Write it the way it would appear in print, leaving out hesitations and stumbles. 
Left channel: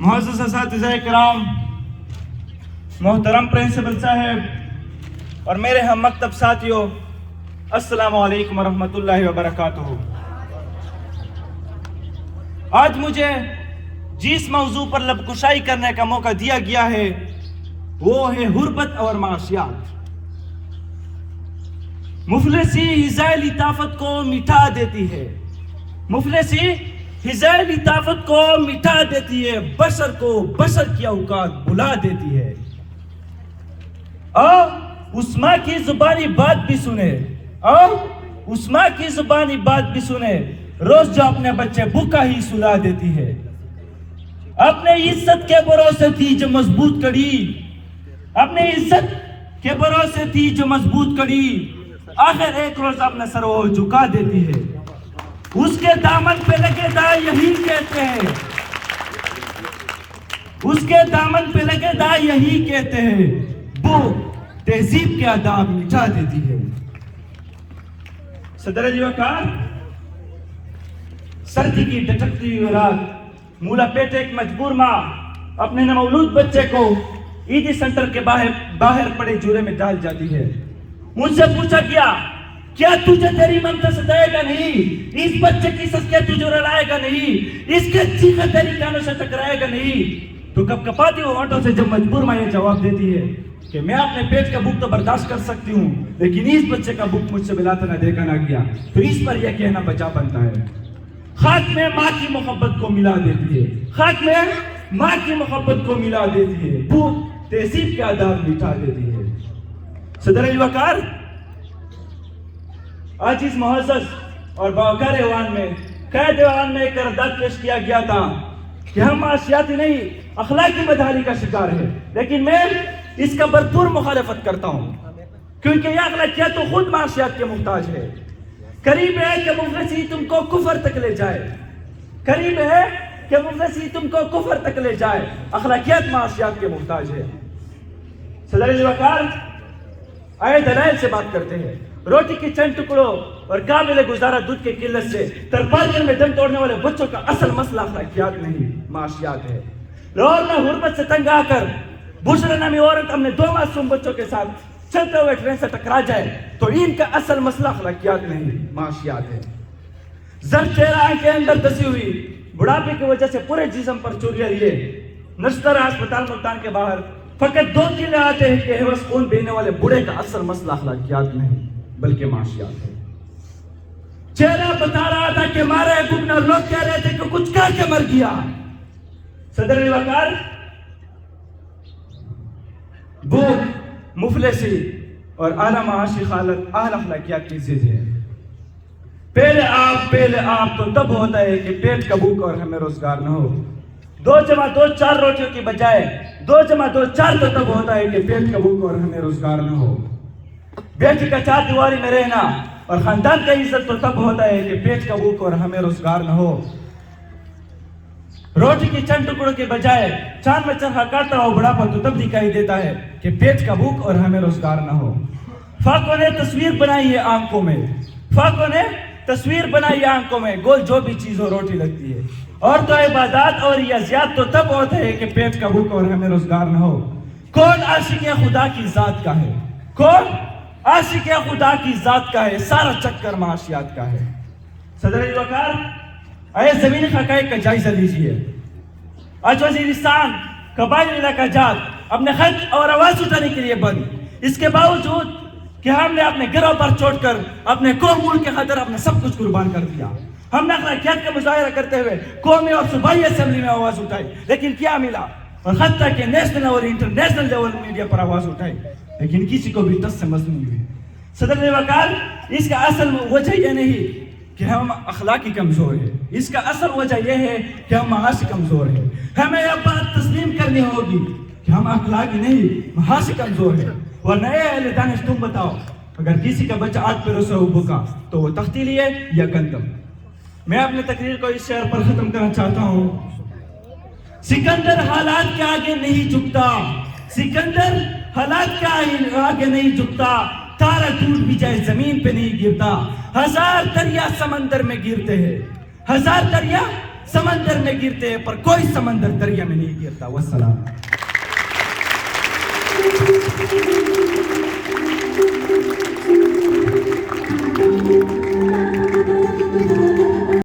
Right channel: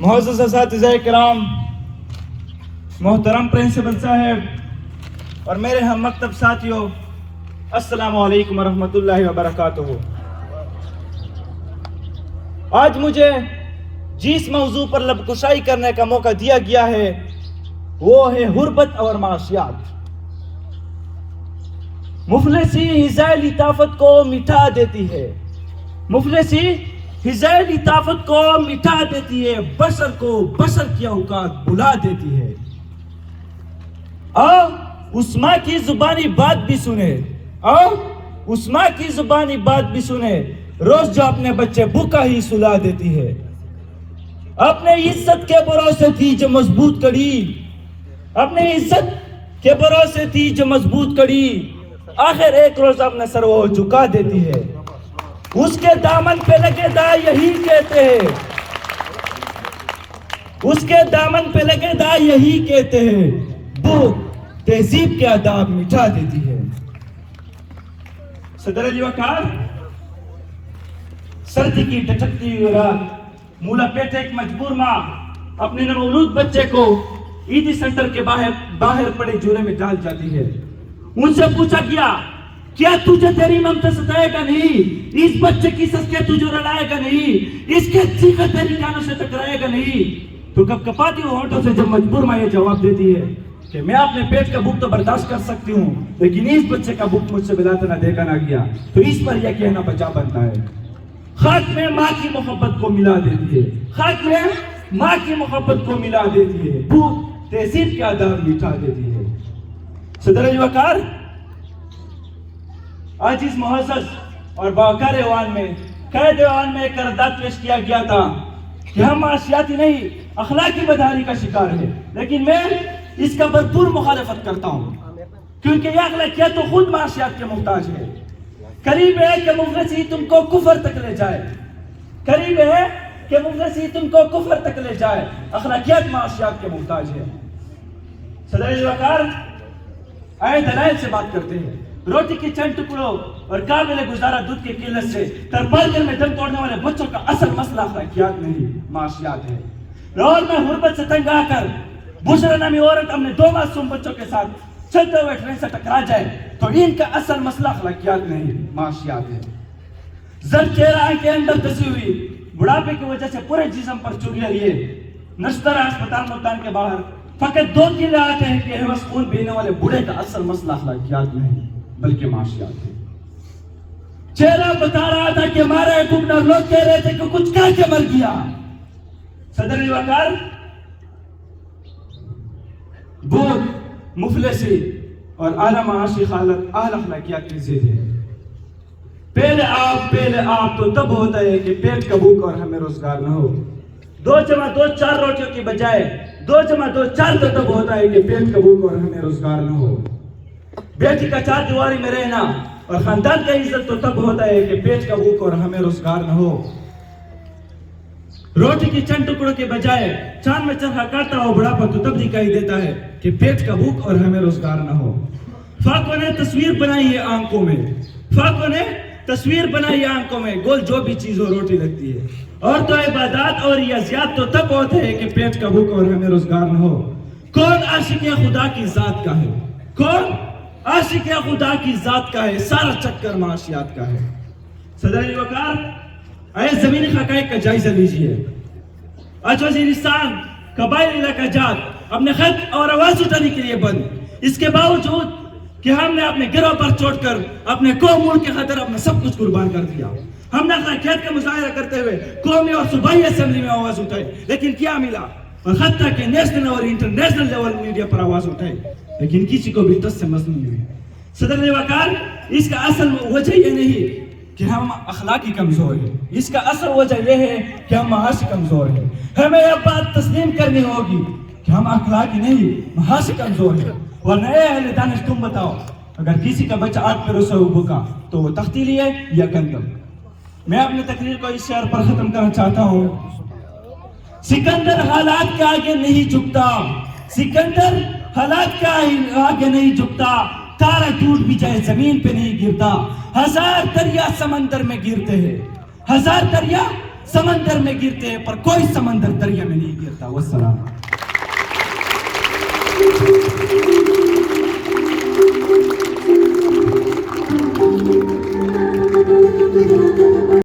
معزز اساتذہ کرام، محترم پرنسپل صاحب اور میرے ہم مکتب ساتھیوں، السلام علیکم ورحمۃ اللہ وبرکاتہ۔ آج مجھے جس موضوع پر لب کشائی کرنے کا موقع دیا گیا ہے وہ ہے غربت اور معاشیات۔ مفلسی حذائے طاقت کو مٹا دیتی ہے، مفلسی حذائے طاقت کو مٹا دیتی ہے، بشر کو بشر کی اوقات بلا دیتی ہے۔ اس ماں کی زبانی بات بھی سنے، اس ماں کی زبانی بات بھی سنے، روز جو اپنے بچے بھوکا ہی سلا دیتی ہے۔ اپنے عزت کے بھروسے تھی جو مضبوط کڑی، اپنی عزت کے بھروسے تھی جو مضبوط کڑی، آخر ایک روز اپنا سر وہ جھکا دیتی ہے۔ اس کے دامن پہ لگے دا یہی کہتے ہیں، اس کے دامن پہ لگے دا یہی کہتے ہیں، بھوک تہذیب کے آداب مٹا دیتی ہے۔ صدر علی وقار، سردی کی ڈٹکتی ہوئی رات، مولا پیٹ ایک مجبور ماں اپنے نومولود بچے کو عیدی سینٹر کے باہر پڑے جورے میں ڈال جاتی ہے۔ ان سے پوچھا گیا، کیا تجھے تیری ممتا ستائے گا نہیں؟ اس بچے کی سسکے تجھے رلائے گا نہیں؟ اس کے چیخے تیری کانوں سے ٹکرائے گا نہیں؟ تو کب کپاتی ہوں ہونٹوں سے جب مجبور ماں یہ جواب دیتی ہے کہ میں اپنے پیٹ کا بھوک تو برداشت کر سکتی ہوں، لیکن اس بچے کا بھوک مجھ سے بلاتا نہ دیکھا نہ گیا، تو اس پر یہ کہنا بچا بنتا ہے۔ خاک میں ماں کی محبت کو ملا دیتی ہے، خاک میں ماں کی محبت کو ملا دیتی ہے، بھوک تہذیب کے آداب مٹا دیتی ہے۔ صدر علی وقار، آج اس معزز اور باوقار ایوان میں قید ایوان میں ایک قرارداد پیش کیا گیا تھا کہ ہم معاشیاتی نہیں اخلاقی بدحالی کا شکار ہے، لیکن میں اس کا بھرپور مخالفت کرتا ہوں، کیونکہ یہ اخلاقیات تو خود معاشیات کے محتاج ہے۔ قریب ہے کہ مفلسی تم کو کفر تک لے جائے، قریب ہے کہ مفلسی تم کو کفر تک لے جائے، اخلاقیات معاشیات کے محتاج ہے۔ صدر علی وقار، آئے دلائل سے بات کرتے ہیں۔ روٹی کی چند ٹکڑوں اور قابل گزارا دودھ کی قلت سے ترپالکل میں دم توڑنے والے بچوں کا اصل مسئلہ اخلاقیات نہیں معاشیات ہے۔ لاہور میں غربت سے تنگ آ کر بشرا نامی عورت اپنے 2 معصوم بچوں کے ساتھ چلتے ہوئے ٹرین سے ٹکرا جائے تو ان کا اصل مسئلہ اخلاقیات نہیں معاشیات ہے۔ زرد چہرہ آنکھ کے اندر دسی ہوئی، بڑھاپے کی وجہ سے پورے جسم پر چوریاں لیے نشترہ ہسپتال ملتان کے باہر فقط 2 کلے آتے ہیں کہ ہوس خون بہنے والے بوڑھے کا اصل مسئلہ اخلاقیات نہیں بلکہ معاشیات ہے۔ چہرہ بتا رہا تھا کہ مارے گورنر لوگ کہہ رہے تھے کہ کچھ کہہ کے مر گیا۔ صدر علی وقار، بھوک، مفلسی اور اعلیٰ معاشی حالت اہل اخلاقیات کی ضد ہے۔ پہلے آپ تو تب ہوتا ہے کہ پیٹ کا بھوک اور ہمیں روزگار نہ ہو۔ 2 جمع 2 4 روٹیوں کی بجائے 2 جمع 2 4 تو تب ہوتا ہے کہ پیٹ کا بھوک اور ہمیں روزگار نہ ہو۔ بیٹی کا 4 دیواری میں رہنا اور خاندان کا عزت تو تب ہوتا ہے کہ پیٹ کا بھوک اور ہمیں روزگار نہ ہو۔ روٹی کی چند ٹکڑوں کے بجائے چاند میں چرخا کاٹتا ہو بڑھاپا تو تب دکھائی دیتا ہے کہ پیٹ کا بھوک اور ہمیں روزگار نہ ہو۔ فاقوں نے تصویر بنائی ہے آنکھوں میں، فاقوں نے تصویر بنائی ہے آنکھوں میں، گول جو بھی چیز ہو روٹی لگتی ہے۔ اور تو عبادات اور ریاضیات تو تب ہوتے ہیں کہ پیٹ کا بھوک اور ہمیں روزگار نہ ہو۔ کون عاشق خدا کی ذات کا ہے؟ کون عاشق خدا کی ذات کا ہے؟ سارا چکر معاشیات کا ہے۔ صدر علی وقار، اے زمینی حقائق کا جائزہ لیجئے۔ آج وزیرستان قبائل علاقہ جات اپنے خط اور آواز اٹھانے کے لیے بند، اس کے باوجود کہ ہم نے اپنے گروہ پر چھوڑ کر اپنے قوم ملک کے خاطر اپنا سب کچھ قربان کر دیا۔ ہم نے اخلاقیات کا مظاہرہ کرتے ہوئے قومی اور صوبائی اسمبلی میں آواز اٹھائی، لیکن کیا ملا؟ اور حتیٰ کہ نیشنل اور انٹرنیشنل لیول میڈیا پر آواز اٹھائی، لیکن کسی کو بھی ٹس سے مس نہیں ہوئی۔ صدر علی وقار، اس کا اصل وجہ یہ نہیں کہ ہم اخلاقی کمزور ہیں، اس کا اصل وجہ یہ ہے کہ ہم معاشی کمزور ہیں۔ ہمیں یہ بات تسلیم کرنی ہوگی کہ ہم اخلاقی نہیں معاشی کمزور ہیں۔ اور نئے اہل دانش تم بتاؤ، اگر کسی کا بچہ 8 پیروں سے بھوکا تو وہ تختی لیے یا گندم؟ میں اپنی تقریر کو اس شعر پر ختم کرنا چاہتا ہوں۔ سکندر حالات کے آگے نہیں جھکتا، سکندر حالات کے آگے نہیں جھکتا، تارا ٹوٹ بھی جائے زمین پہ نہیں گرتا، 1000 دریا سمندر میں گرتے ہیں، 1000 دریا سمندر میں گرتے ہیں پر کوئی سمندر دریا میں نہیں گرتا. والسلام.